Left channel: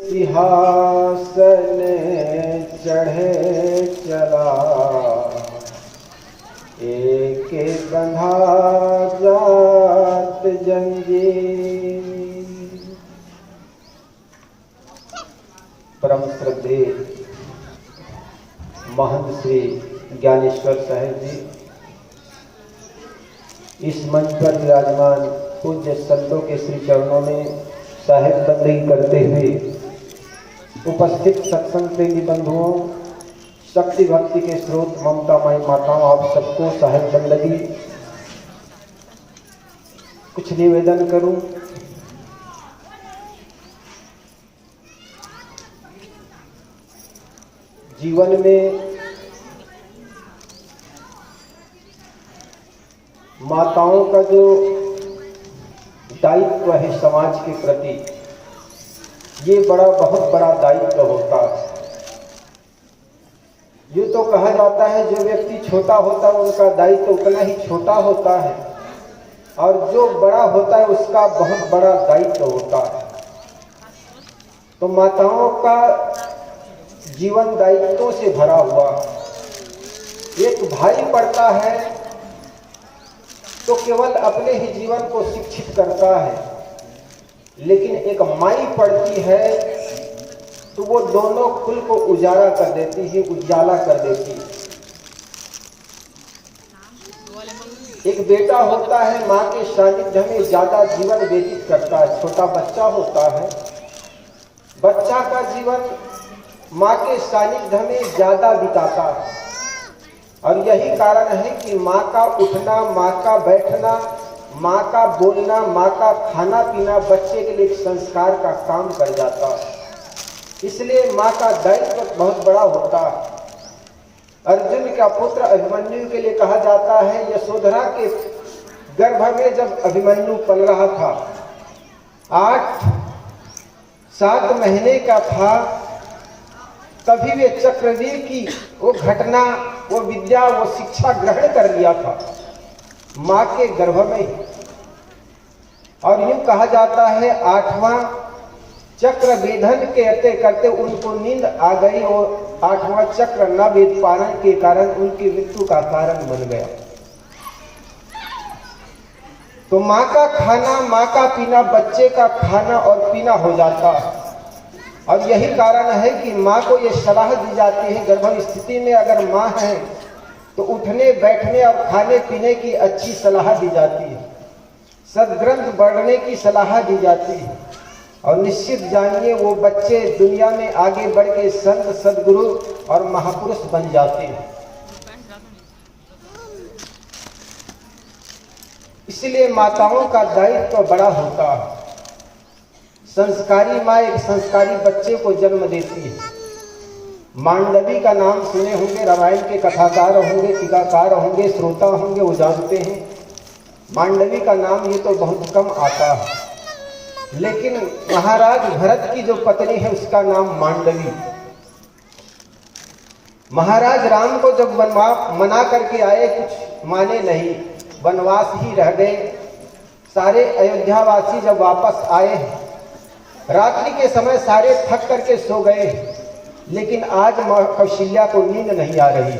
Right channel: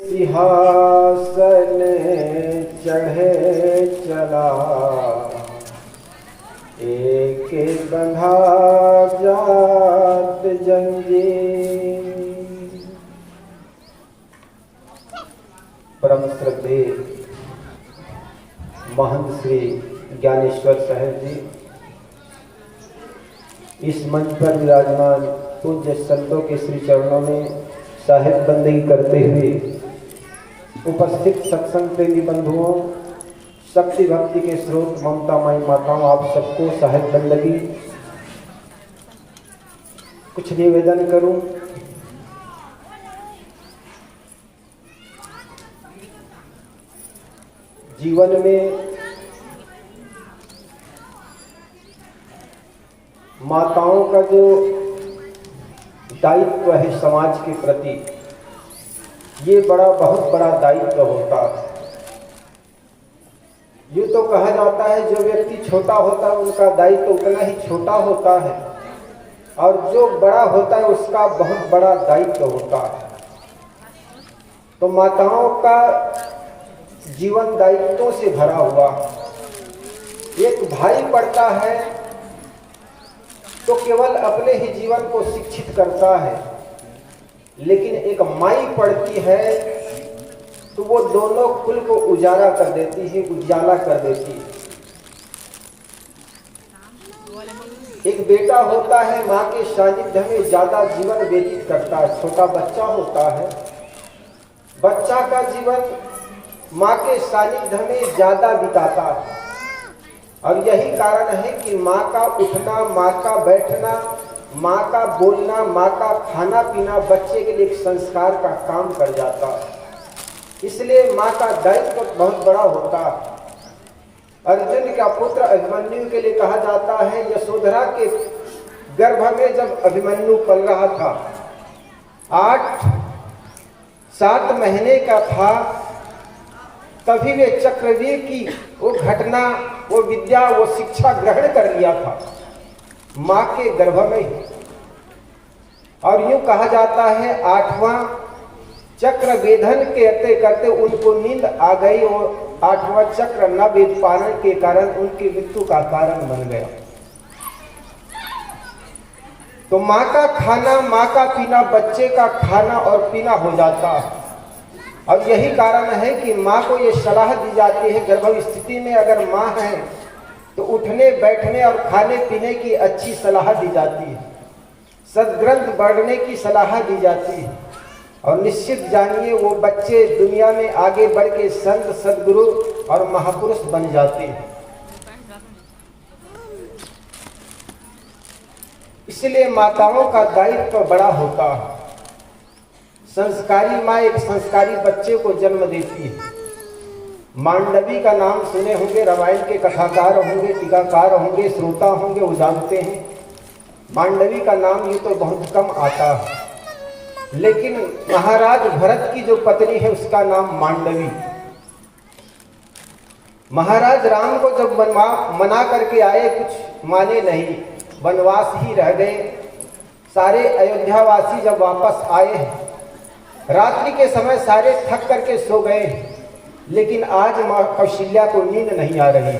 सिंहासन चढ़े चला, एक बंधा जात जंजीर। परम श्रद्धेय महंत श्री ज्ञानेश्वर साहेब जी, इस मंच पर विराजमान पूज्य संतों के श्री चरणों में साहेब बंदगी करते हुए उपस्थित सत्संग प्रेमी बंधुओं, शक्ति भक्ति के स्रोत ममता माई माताओं, आप सबको साहेब बंदगी कुछ निवेदन करूं। जीवन में माताओं का जो दायित्व है समाज के प्रति, ये बहुत बड़ा दायित्व होता है। यूँ तो कहा जाता है जो व्यक्ति छोटा होता है उनका दायित्व उतना ही छोटा होता है, और जो बड़ा होता है उसका बहुत बड़ा दायित्व होता है। तो माताओं का जीवन दायित्वों से भरा हुआ। एक भाई पढ़ता है तो केवल अपने ही जीवन को शिक्षित करता है, लेकिन एक माई पढ़ती है तो वो दोनों कुल को उजाला कर देती है, उजाला कर देती है। एक बेटा होता है, माँ के सानिध्य में ज्यादा जीवन व्यतीत करता है। छोटा बच्चा होता है, बच्चा का जीवन माँ के सानिध्य में ज्यादा बिताता है। और यही कारण है कि माँ का उठना, माँ का बैठना, माँ का बोलना, माँ का खाना पीना बच्चे के लिए एक संस्कार का काम कर जाता है। इसलिए माँ का दायित्व बहुत बड़ा होता है। अर्जुन का पुत्र अभिमन्यु के लिए कहा जाता है, यशोधरा के गर्भ में जब अभिमन्यु पल रहा था, 8-7 महीने का था, तभी वे चक्रवीर की वो घटना, वो विद्या, वो शिक्षा ग्रहण कर लिया था माँ के गर्भ में। और यूं कहा जाता है 8वां चक्र वेधन करते करते उनको नींद आ गई, और 8वां चक्र न वेद पारण के कारण उनकी मृत्यु का कारण बन गया। तो माँ का खाना, माँ का पीना बच्चे का खाना और पीना हो जाता है। अब यही कारण है कि माँ को ये सलाह दी जाती है, गर्भ स्थिति में अगर माँ है तो उठने बैठने और खाने पीने की अच्छी सलाह दी जाती है, सद्ग्रंथ बढ़ने की सलाह दी जाती है। और निश्चित जानिए वो बच्चे दुनिया में आगे बढ़ के संत, सद्गुरु और महापुरुष बन जाते हैं। इसलिए माताओं का दायित्व बड़ा होता है। संस्कारी माँ एक संस्कारी बच्चे को जन्म देती है। मांडवी का नाम सुने होंगे, रामायण के कथाकार होंगे, टीकाकार होंगे, श्रोता होंगे, वो जानते हैं। मांडवी का नाम ये तो बहुत कम आता है, लेकिन महाराज भरत की जो पत्नी है उसका नाम मांडवी। महाराज राम को जब मना करके आए, कुछ माने नहीं, वनवास ही रह गए। सारे अयोध्यावासी जब वापस आए, रात्रि के समय सारे थक करके सो गए, लेकिन आज माँ कौशल्या को नींद नहीं आ रही।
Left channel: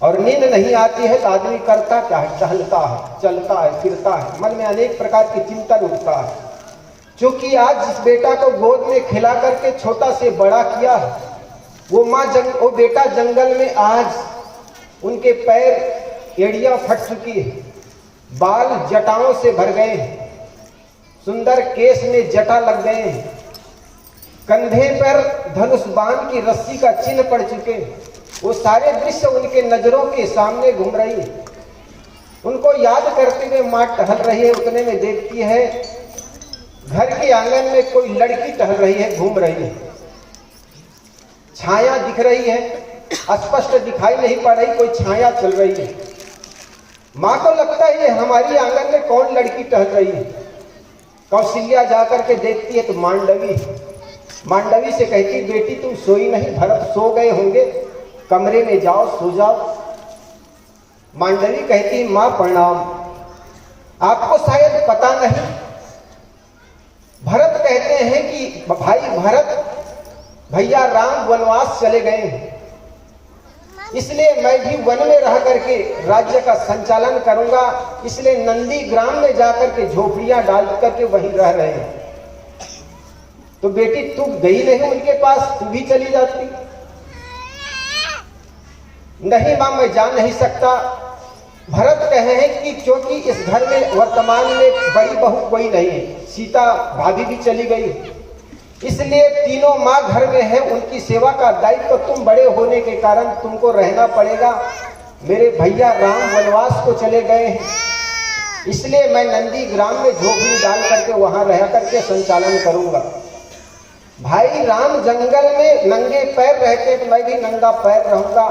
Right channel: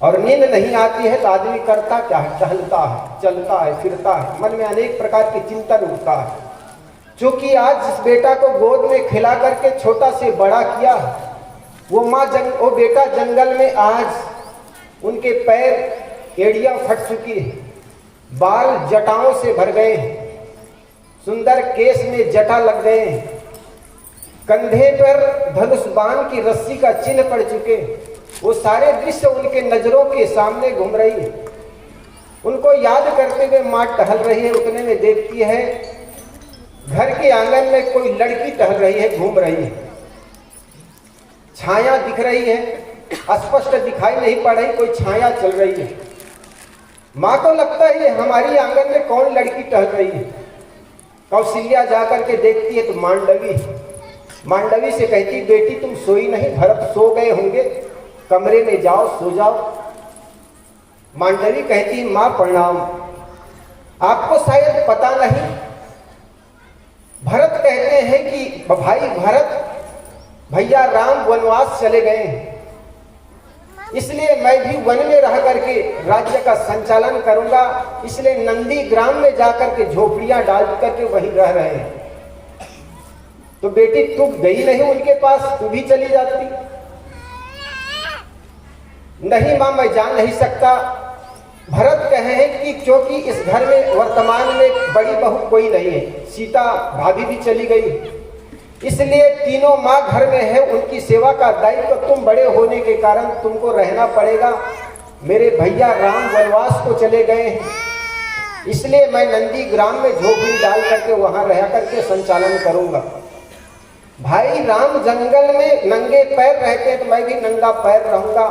और नींद नहीं आती है तो आदमी करता क्या है? टहलता है, चलता है, फिरता है, मन में अनेक प्रकार के चिंतन उठता है। क्योंकि आज जिस बेटा को गोद में खिला करके छोटा से बड़ा किया, वो बेटा जंगल में आज उनके पैर एड़ियां फट चुकी है, बाल जटाओं से भर गए, सुंदर केस में जटा लग गए, कंधे पर धनुष बाण की रस्सी का चिन्ह पड़ चुके। वो सारे दृश्य उनके नजरों के सामने घूम रही है। उनको याद करते हुए माँ टहल रही है। उतने में देखती है घर के आंगन में कोई लड़की टहल रही है, घूम रही है। छाया दिख रही है, स्पष्ट दिखाई नहीं पड़ रही, कोई छाया चल रही है। माँ को लगता है ये हमारी आंगन में कौन लड़की टहल रही है। कौशल्या जाकर के देखती है तो मांडवी से कहती, बेटी तुम सोई नहीं, भरत सो गए होंगे, कमरे में जाओ, सो जाओ। मांडवी कहती, माँ प्रणाम, आपको शायद पता नहीं, भरत कहते हैं कि भाई भरत, भैया राम वनवास चले गए हैं, इसलिए मैं भी वन में रह करके राज्य का संचालन करूंगा, इसलिए नंदी ग्राम में जाकर के झोपड़ियां डाल करके वहीं रह रहे हैं। तो बेटी तू गई नहीं उनके पास, तू भी चली जाती। नहीं मां, मैं जा नहीं सकता। भरत कहे कि क्योंकि इस घर में वर्तमान में बड़ी बहू कोई नहीं है, सीता भाभी भी चली गई, इसलिए तीनों माँ घर में है, उनकी सेवा का दायित्व तो तुम बड़े होने के कारण तुमको रहना पड़ेगा। मेरे भैया राम वनवास को चले गए हैं, इसलिए मैं नंदी ग्राम में झोपड़ी डाल करके वहां रह करके संचालन करूंगा। भाई राम जंगल में नंगे पैर रहते तो मैं भी नंगा पैर रहूंगा।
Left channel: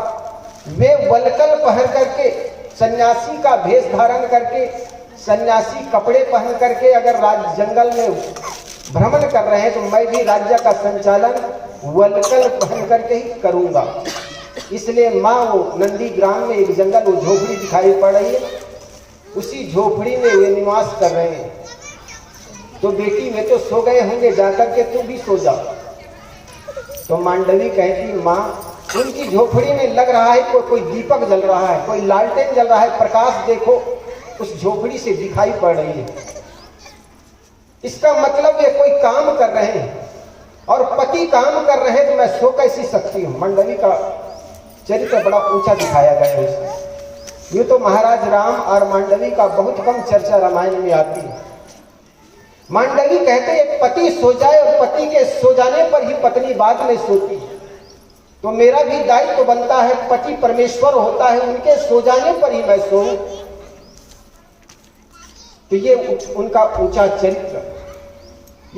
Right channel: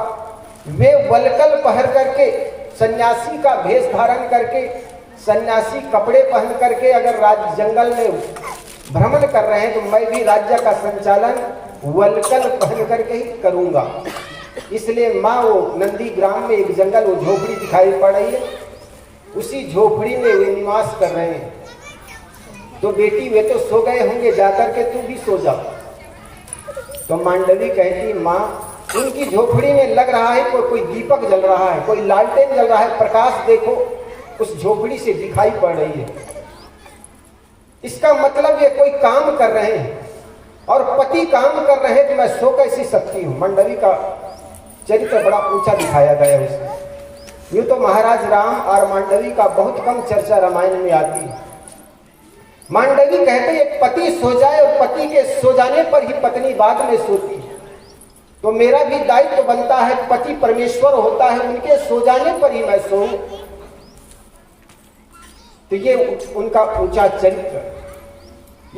वे वलकल पहन करके, सन्यासी का भेष धारण करके, सन्यासी कपड़े पहन करके अगर जंगल में भ्रमण कर रहे हैं तो मैं भी राज्य का संचालन वलकल पहन करके ही करूंगा। इसलिए माँ वो नंदी ग्राम में एक जंगल वो झोपड़ी दिखाई पड़ रही है, उसी झोपड़ी में वे निवास कर रहे हैं। तो बेटी वे तो सो गए होंगे, जाकर के तू भी सो जा। तो मांडवी कहती माँ उनकी झोपड़ी में लग रहा है कोई दीपक जल रहा है, कोई लालटेन जल रहा है, प्रकाश देखो उस झोपड़ी से दिखाई पड़ रही है। इसका मतलब ये कोई काम कर रहे हैं और पति काम कर रहे हैं तो मैं सो कैसी सकती हूँ। मंडली का चरित्र बड़ा ऊंचा दिखाया गया है उसमें। यूं तो महाराज राम और मांडवी का बहुत कम चर्चा रामायण में आती है। मांडवी कहती है पति सो जाए और पति के सो जाने पर ही पत्नी बाद में सोती है, तो मेरा भी दायित्व तो बनता है, पति परमेश्वर होता है, उनके सो जाने पर ही मैं सोऊं। तो ये उनका ऊंचा चरित्र।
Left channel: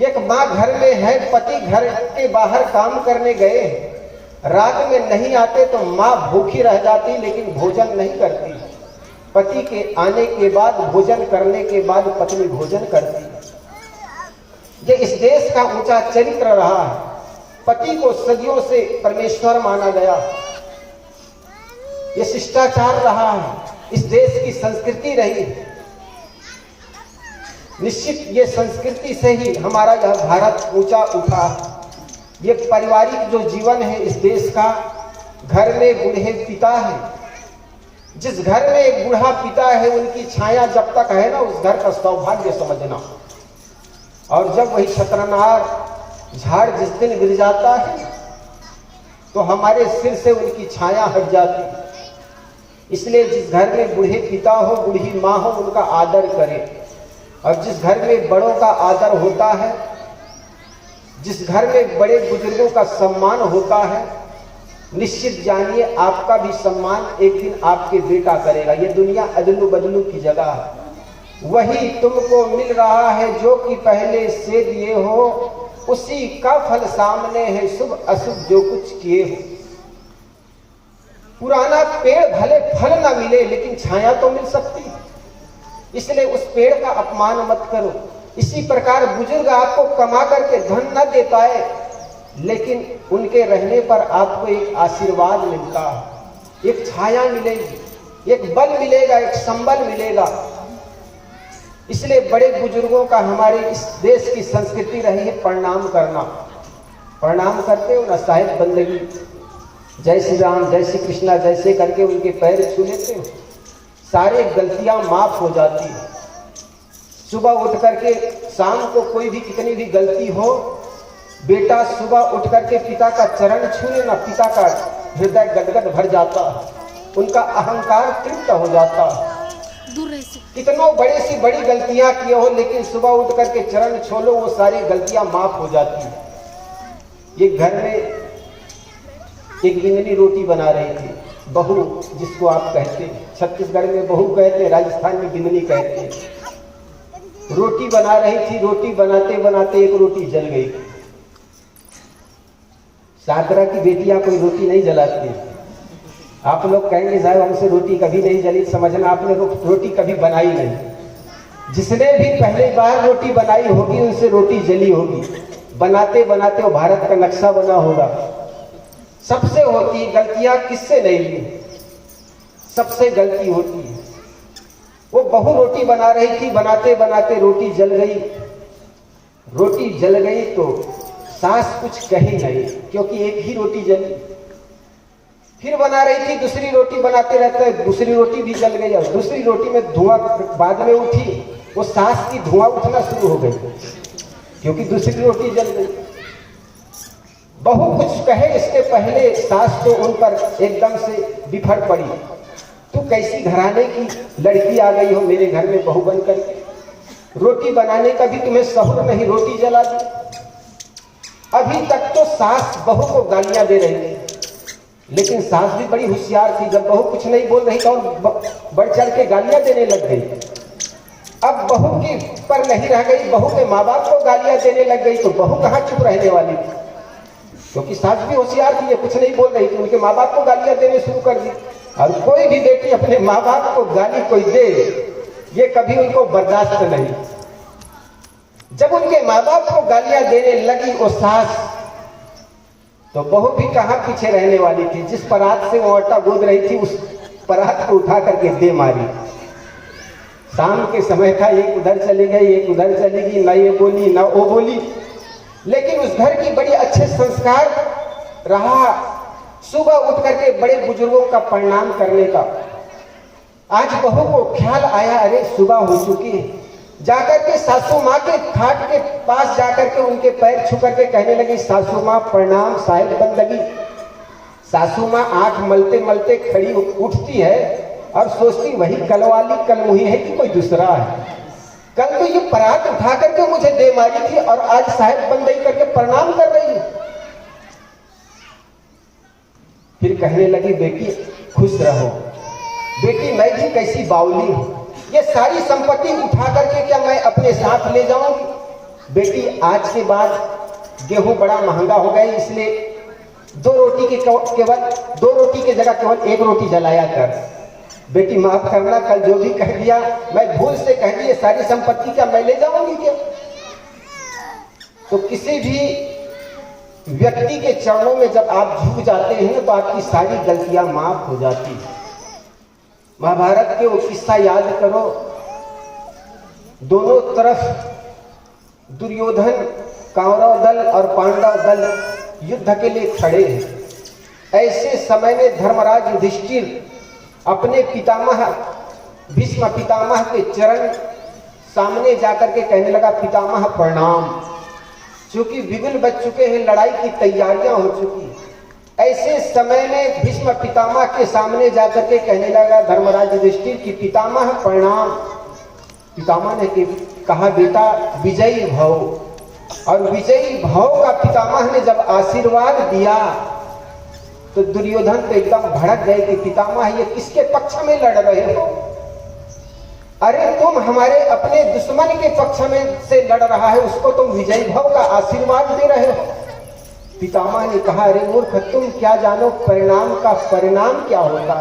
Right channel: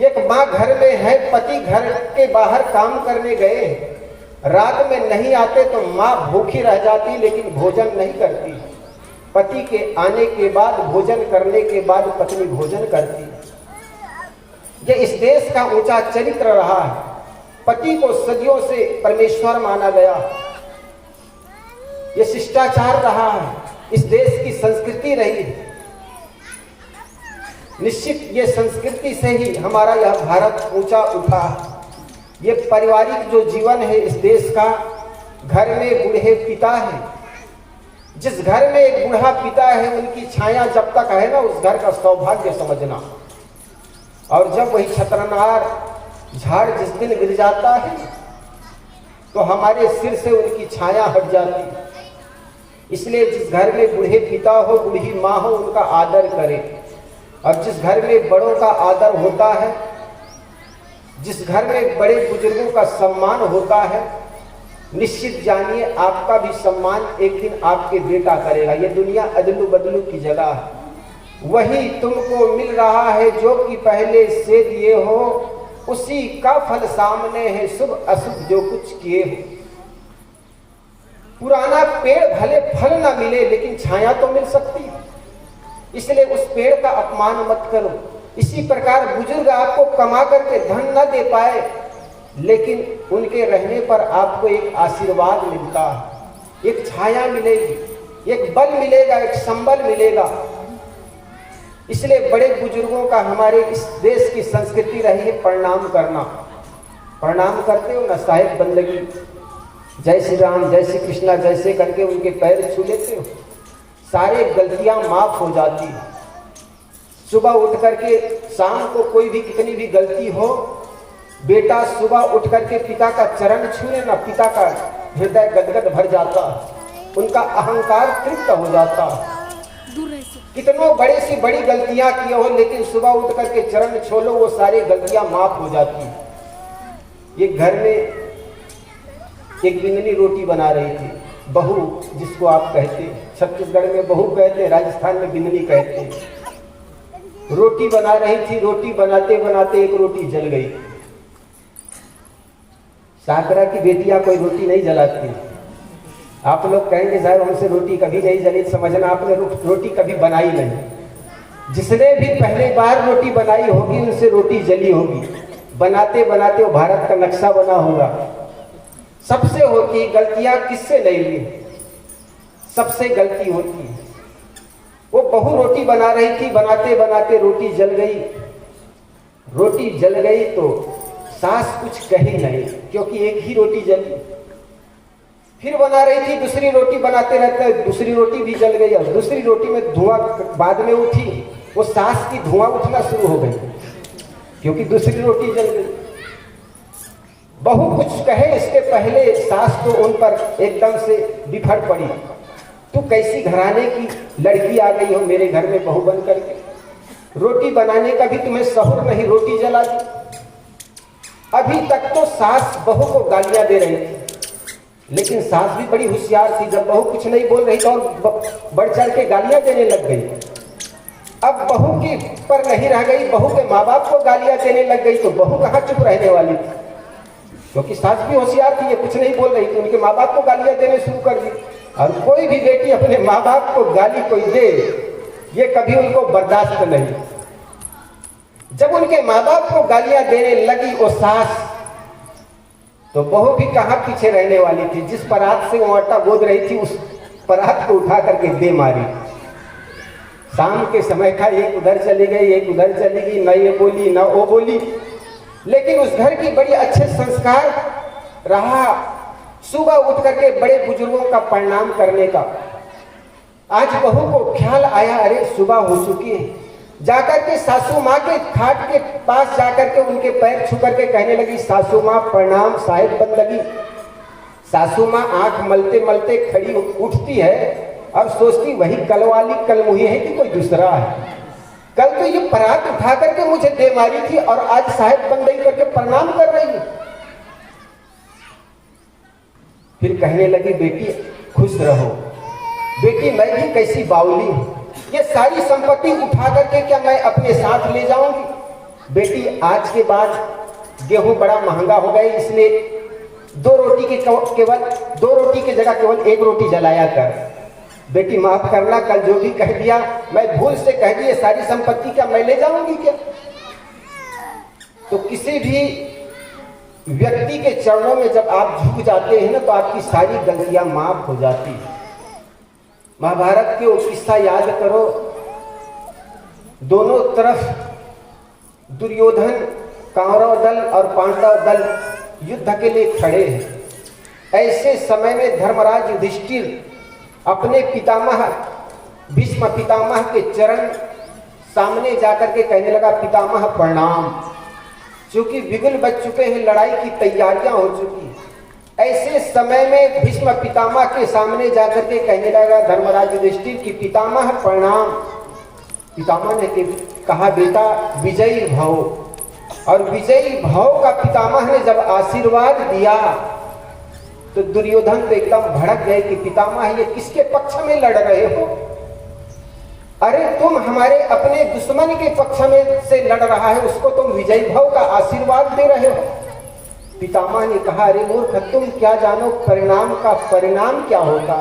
एक माँ घर में है, पति घर के बाहर काम करने गए, रात में नहीं आते तो माँ भूखी रह जाती लेकिन भोजन नहीं करती। पति के आने के बाद, भोजन करने के बाद पत्नी भोजन करती। ये इस देश का ऊंचा चरित्र रहा है। पति को सदियों से परमेश्वर माना गया, ये शिष्टाचार रहा है, इस देश की संस्कृति रही। निश्चित ये संस्कृति से ही हमारा यह भारत ऊंचा उठा। ये पारिवारिक जो जीवन है इस देश का, घर में बूढ़े पिता है, जिस घर में एक बूढ़ा पिता है उनकी छाया जब तक है ना, उस घर का सौभाग्य समझना। और जब वही छत्रनार झाड़ जिस दिन गिर जाता है तो हमारे सिर से उनकी छाया हट जाती। इसलिए जिस घर में बूढ़े पिता हो, बूढ़ी माँ हो, उनका आदर करें। और जिस घर में बड़ों का आदर होता है, जिस घर में बड़े बुजुर्गों का सम्मान होता है, निश्चित जानिए आपका भी सम्मान एक दिन आपके बेटा करेगा। ये दुनिया अदलू बदलू की जगह है। वही तुमको मिल रहा है जो कि पहले से दिए हो, उसी का फल सामने है, शुभ अशुभ जो कुछ किए हो। पुराना पेड़ भले फल ना मिले लेकिन छाया तो मिल सकती है, इसलिए उस पेड़ का अपमान मत करो। इसी प्रकार बुजुर्ग आपको कमा करके धन न दे पाए लेकिन उनके रहने पर आपको एक आशीर्वाद मिलता है, एक छाया मिलेगी, एक बल मिलेगा, एक संबल मिलेगा। इसलिए बड़े बुजुर्गों का हमारे इस देश की संस्कृति रही है प्रणाम करना। प्रणाम करते हो ना, साहिब बंदगी, जय श्री राम, जय श्री कृष्णा जैसे करके उनके पैर छू लेते हो, सारे गलतियां माफ हो जाती है। सुबह उठ करके, शाम को कोई भी कितनी भी गलती हो, बेटा सुबह उठ करके पिता का चरण छू लेना, पिता का हृदय गदगद भर जाता, उनका अहंकार तृप्त हो जाता। कितनों बड़ी सी बड़ी गलतियां किए हो लेकिन सुबह उठ करके चरण छू लो, वो सारी गलतियां माफ हो जाती। ये घर में एक गिंगनी रोटी बना रही थी, बहू जिसको आप कहते हैं, छत्तीसगढ़ में बहू कहते हैं, राजस्थान में गिंगनी कहते हैं। रोटी बना रही थी, रोटी बनाते बनाते एक रोटी जल गई। सागरा की बेटियां कोई रोटी नहीं जलाती। आप लोग कहेंगे साहब हमसे रोटी कभी नहीं जली, समझना आपने रोटी कभी बनाई नहीं। जिसने भी पहली बार रोटी बनाई होगी उनसे रोटी जली होगी। बनाते बनाते वो भारत का नक्शा बना होगा। सबसे होती गलतियां, किससे नहीं ली, सबसे गलती होती है। वो बहू रोटी बना रही थी, बनाते बनाते रोटी जल गई। रोटी जल गई तो सास कुछ कही नहीं, क्योंकि एक ही रोटी जली। फिर बना रही थी, दूसरी रोटी बनाते रहते, दूसरी रोटी भी जल गई। और दूसरी रोटी में धुआं बाद में उठी, वो सास की धुआं उठना शुरू हो गई, क्योंकि दूसरी रोटी जल गई। बहू कुछ कहे इसके पहले सास तो उन पर एकदम से बिफर पड़ी। तू कैसी घराने की लड़की आ गई हो मेरे घर में बहू बन करके, रोटी बनाने का भी तुम्हें सहूर नहीं, रोटी जला दी। अभी तक तो सास बहू को गालियां दे रही थी, लेकिन सास भी बड़ी होशियार थी। जब बहू कुछ नहीं बोल रही तो बढ़ चढ़ के गालियां देने लग गई। अब बहू की पर नहीं रह गई, बहू के माँ बाप को गालियां देने लग गई, तो बहू कहाँ चुप रहने वाली थी, क्योंकि सास भी होशियार थी, ये कुछ नहीं बोल रही थी, उनके माँ बाप को गालियां देने शुरू कर दी। और कोई भी बेटी अपने माँ बाप को गाली कोई दे, ये कभी उनको बर्दाश्त नहीं। जब उनके माँ बाप को गालियां देने लगी वो सास, तो बहू भी कहाँ पीछे रहने वाली थी। जिस परात से वो आटा गोद रही थी, उस परात को उठा करके दे मारी। शाम के समय का एक उधर चली गई, एक उधर चली गई, न ये बोली न वो बोली, लेकिन उस घर की बड़ी अच्छे संस्कार रहा सुबह उठ करके बड़े बुजुर्गों का प्रणाम करने का। आज बहू को ख्याल आया, अरे सुबह हो चुकी है, जाकर के सासू माँ के खाट के पास जाकर के उनके पैर छू करके कहने लगी, सासू माँ प्रणाम, साहेब बन लगी। सासू माँ आंख मलते मलते खड़ी उठती है और सोचती वही कल वाली कल मुही है कि कोई दूसरा है। कल तो ये परात उठा करके मुझे दे मारी थी और आज साहेब बंदई करके प्रणाम कर रही हूं। फिर कहने लगी, बेटी खुश रहो, बेटी मैं भी कैसी बाउली हूं, ये सारी संपत्ति उठा करके क्या मैं अपने साथ ले जाऊंगी? बेटी आज के बाद गेहूं बड़ा महंगा हो गया, इसलिए दो रोटी की जगह केवल एक रोटी जलाया कर। बेटी माफ करना, कल जो भी कह दिया मैं भूल से कह दी, सारी संपत्ति क्या मैं ले जाऊंगी क्या? तो किसी भी व्यक्ति के चरणों में जब आप झुक जाते हैं ना, तो आपकी सारी गलतियां माफ हो जाती है। महाभारत के वो किस्सा याद करो, दोनों तरफ दुर्योधन, कौरव दल और पांडव दल युद्ध के लिए खड़े हैं। ऐसे समय में धर्मराज युधिष्ठिर अपने पितामह भीष्म पितामह के चरण सामने जाकर के कहने लगा, पितामह प्रणाम। चूंकि बिगुल बज चुके हैं, लड़ाई की तैयारियां हो चुकी है। ऐसे समय में भीष्म पितामह के सामने जाकर के कहने लगा धर्मराज युधिष्ठिर की, पितामह प्रणाम। पितामह ने कहा, बेटा विजयी भव। और विजयी भव का पितामह ने जब आशीर्वाद दिया तो दुर्योधन तो एकदम भड़क गए कि पितामह ये किसके पक्ष में लड़ रहे हो? अरे तुम हमारे अपने दुश्मन के पक्ष में से लड़ रहा है, उसको तुम विजयी भव का आशीर्वाद दे रहे हो। पितामह ने कहा, अरे मूर्ख, तुम क्या जानो परिणाम का परिणाम क्या होगा?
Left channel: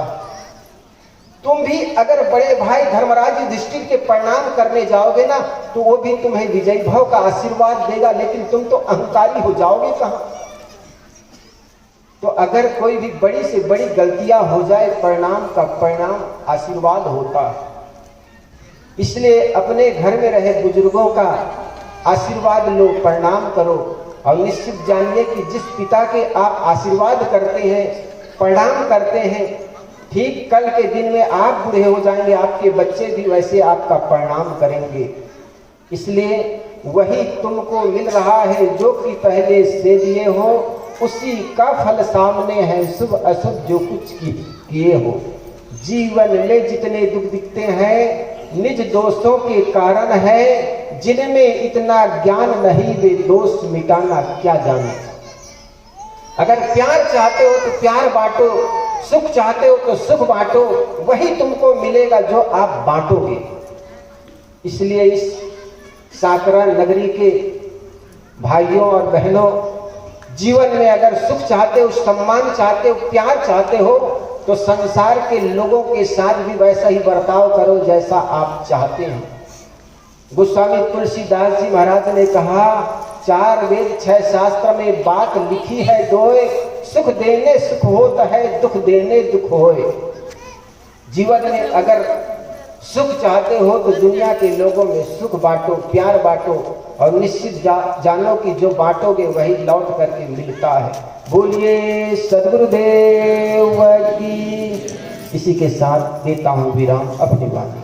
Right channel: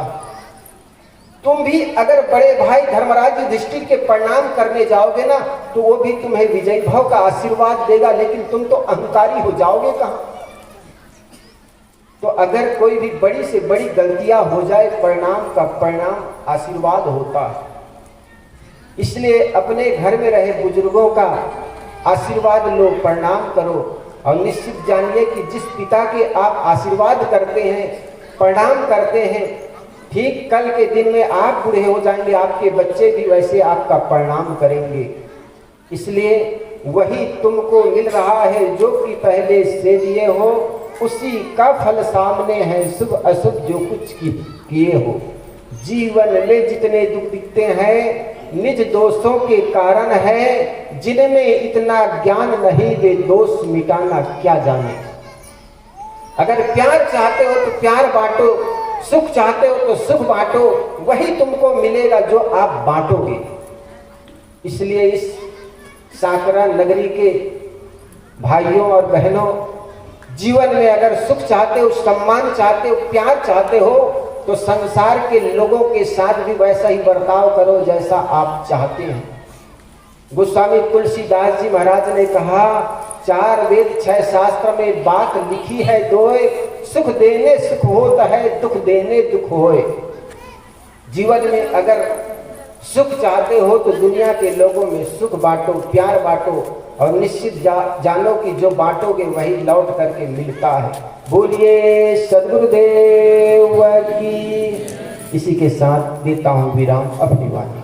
तुम भी अगर बड़े भाई धर्मराज युधिष्ठिर के प्रणाम करने जाओगे ना, तो वो भी तुम्हें विजयी भव का आशीर्वाद देगा, लेकिन तुम तो अहंकारी हो जाओगे कहां? तो अगर कोई भी बड़ी से बड़ी गलतियां हो जाए, परिणाम का परिणाम आशीर्वाद होता है। इसलिए अपने घर में रहे बुजुर्गों का आशीर्वाद लो, प्रणाम करो, और निश्चित जानिए कि जिस पिता के आप आशीर्वाद करते हैं, प्रणाम करते हैं, ठीक कल के दिन में आप बूढ़े हो जाएंगे, आपके बच्चे भी वैसे आपका प्रणाम करेंगे। इसलिए वही तुमको मिल रहा है जो कि पहले से दिए हो, उसी का फल सामने है, शुभ अशुभ जो कुछ किए हो। जीवन में जितने दुख दिखते हैं निज दोषों के कारण है, जिनमें इतना ज्ञान नहीं वे दोष मिटाना क्या जाने। अगर प्यार चाहते हो तो प्यार बांटो, सुख चाहते हो तो सुख बांटो, वही तुमको मिलेगा जो आप बांटोगे। इसलिए इस साकरा नगरी के भाइयों और बहनों, जीवन में अगर सुख चाहते हो, सम्मान चाहते हो, प्यार चाहते हो, तो संसार के लोगों के साथ भी वैसा ही बर्ताव करो जैसा आप चाहते हैं। गोस्वामी तुलसीदास जी महाराज ने कहा, 4 वेद 6 शास्त्र में बात लिखी है दोए, सुख देने सुख होता है, दुख देने दुख होए। जीवन में अगर सुख चाहते हो तो दुनिया के लोगों में सुख बांटो, प्यार बांटो, और निश्चित जानो कि जो बांटोगे वही लौट करके मिलता है। बोलिए सद्गुरुदेव की। इसी के साथ देता हूँ विराम अपनी बात।